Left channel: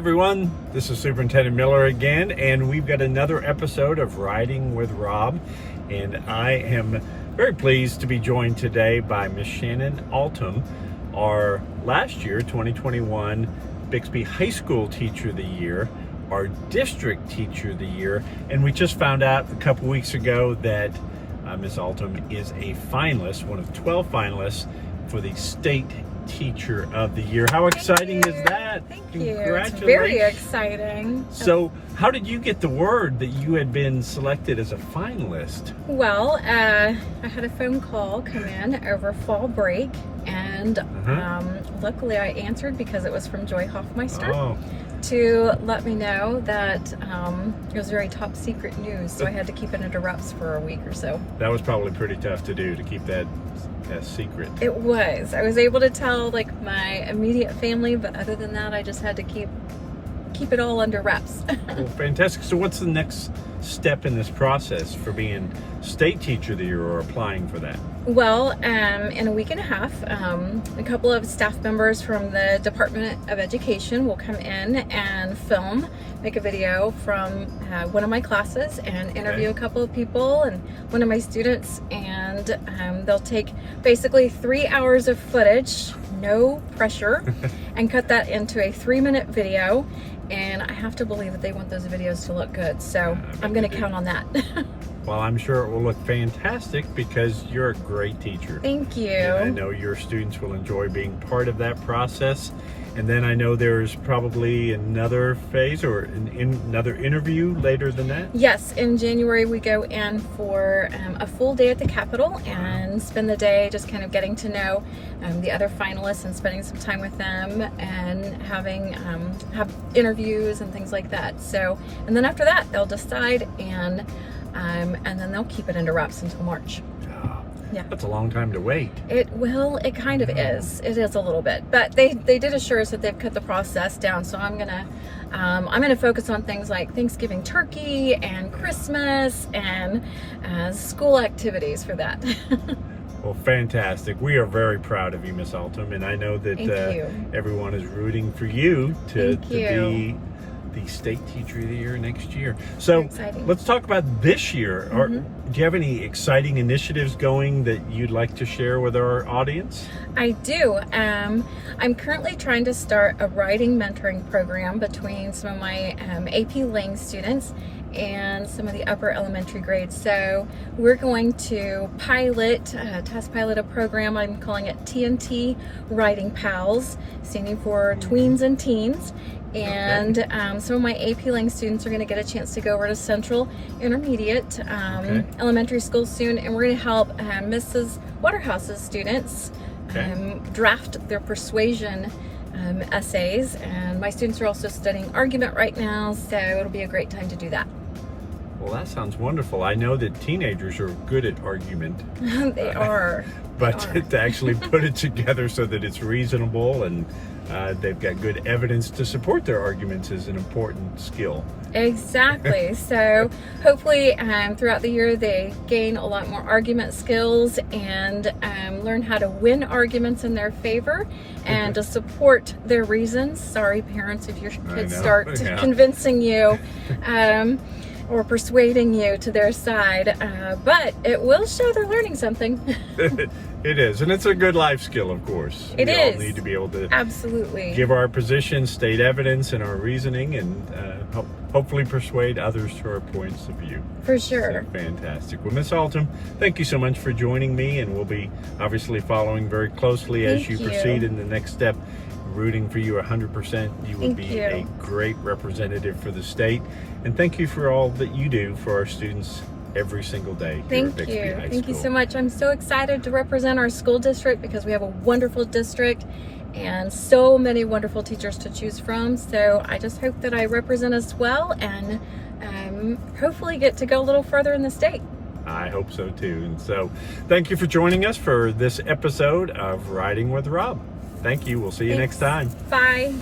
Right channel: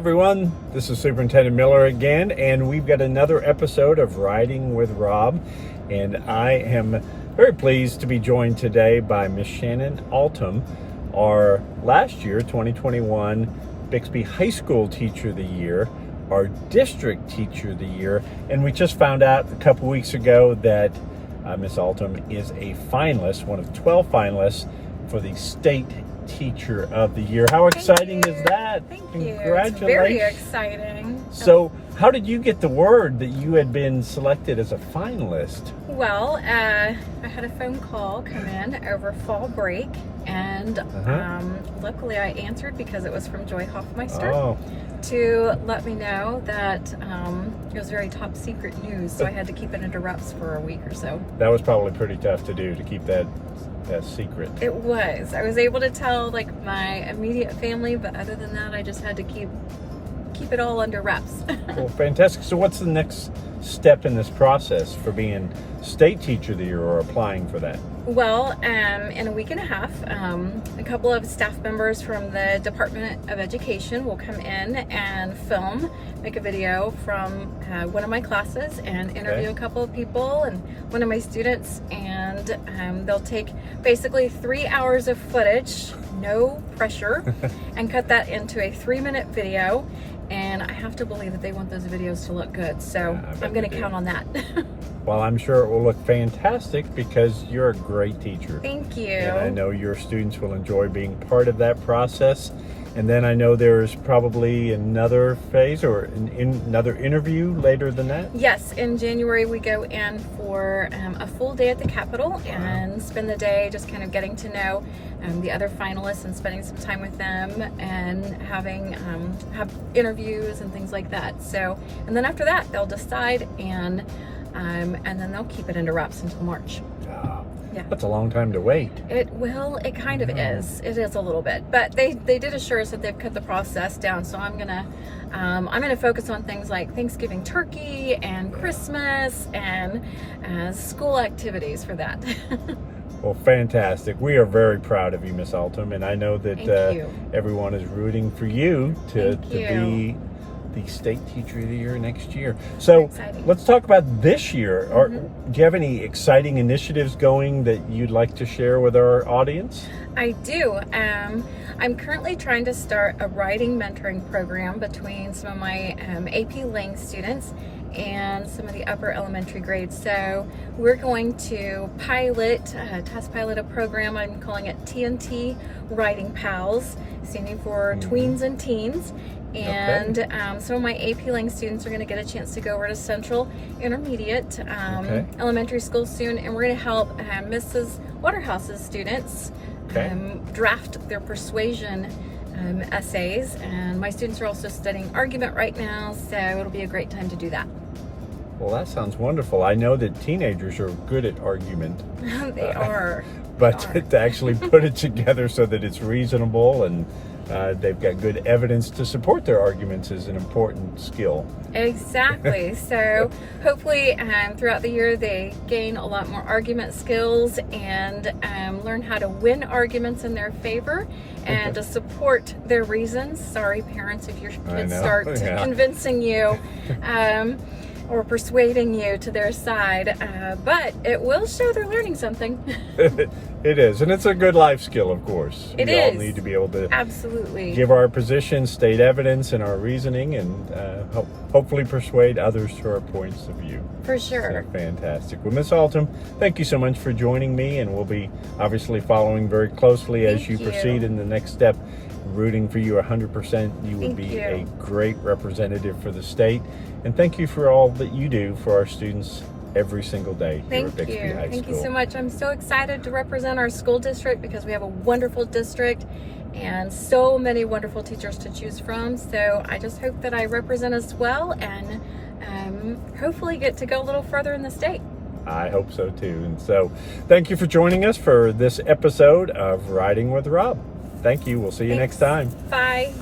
everyone, this is Superintendent Miller again, and we've got another episode of Riding with Rob, and I am very pleased to be joined today by Miss Shannon Altom, our last year, 2021, Bixby High School Teacher of the Year, our District Teacher of the Year, and we just found out a couple weeks ago that Miss Altom is a finalist, one of 12 finalists for the State Teacher of the Year. How exciting is that? Thank you. Congratulations. It's very exciting. So how did you get the word that you had been selected as a finalist? Well, I had a phone call come in over fall break, and luckily I answered because it was from Joy Hoffmeister to let me know that it was very top secret news, so I had to keep it under wraps for a week or so. That was probably pretty tough to do, to keep that secret. It was. I was able to tell like my immediate family, but other than that I just had to keep it all under wraps. Well, fantastic. So what's the next step in this process for being State Teacher of the Year or applying for that? Well, in a week and a half, a couple of staff members from the Department of Education will come in and make a video from one of my classes and interview a couple of people and one of my students, and they'll take basically 3 hours of footage, no pressure, and cut that into a 3-minute video. And I have to believe that they want those videos to look good, so I'm going to count on that. Well, I'm sure it will look fantastic because you're a great teacher. Thank you. And I know your students will enjoy being part of that process. And then I know there's probably another phase or another interview later than that? Yes, in January we go in for a full day at the Capitol and spend the day just kind of getting to know the other finalists and spending some time with them and have interviews and things like that. So, and then after that they'll decide and then they'll keep it under wraps until March. Yeah. That's a long time to wait. It kind of is. It is a little bit, but they did assure us that they've cut the process down. So I'm gonna focus on things like Thanksgiving turkey and Christmas and school activies for that. Well, fantastic. We are very proud of you, Miss Altom, and I know that everyone is rooting for you to be the State Teacher of the Year next year. So let's talk about this year. Do you have any exciting initiatives going that you'd like to share with our audience? I do. I'm currently trying to start a writing mentoring program between some of my AP Lang students and some of the upper elementary grades. So we're going to test pilot a program. I'm calling it TNT Writing Pals, standing for Tweens and Teens. And some of my AP Lang students are going to get a chance to go over to Central Intermediate Elementary School soon, and we're going to help Mrs. Waterhouse's students draft their persuasion essays. And my students are also studying argument right now, so it'll be a great time to do that. Well, that sounds wonderful. I know that teenagers are good at argument. They are. But to actually put it together so that it's reasonable and they've got good evidence to support their arguments is an important skill. Exactly. So hopefully throughout the year they gain a lot more argument skills and learn how to win arguments in their favor and to support their reasons. Sorry, parents, if your kids start convincing you or persuading you to their side, but it will show they're learning something. It is, and it's a good life skill, of course. We all need to be able to give our position, state evidence, and our reasoning, and hopefully persuade others to our points of view. For sure. So, fantastic. Well, Miss Altom, thank you so much for joining me, and we'll be obviously following very closely as you proceed in the next step. Rooting for you 100%. You would be a great representative for the state, and thank you for all that you do for our students every single day here at Bixby High School. Thank you so much. I'm so excited to represent our school district because we have a wonderful district and so many wonderful teachers to choose from. So I just hope that I represent us well and hopefully get to go a little further in the state. I hope so too. And so thank you for joining us for this episode of Riding with Rob. Thank you. We'll see you next time. Bye.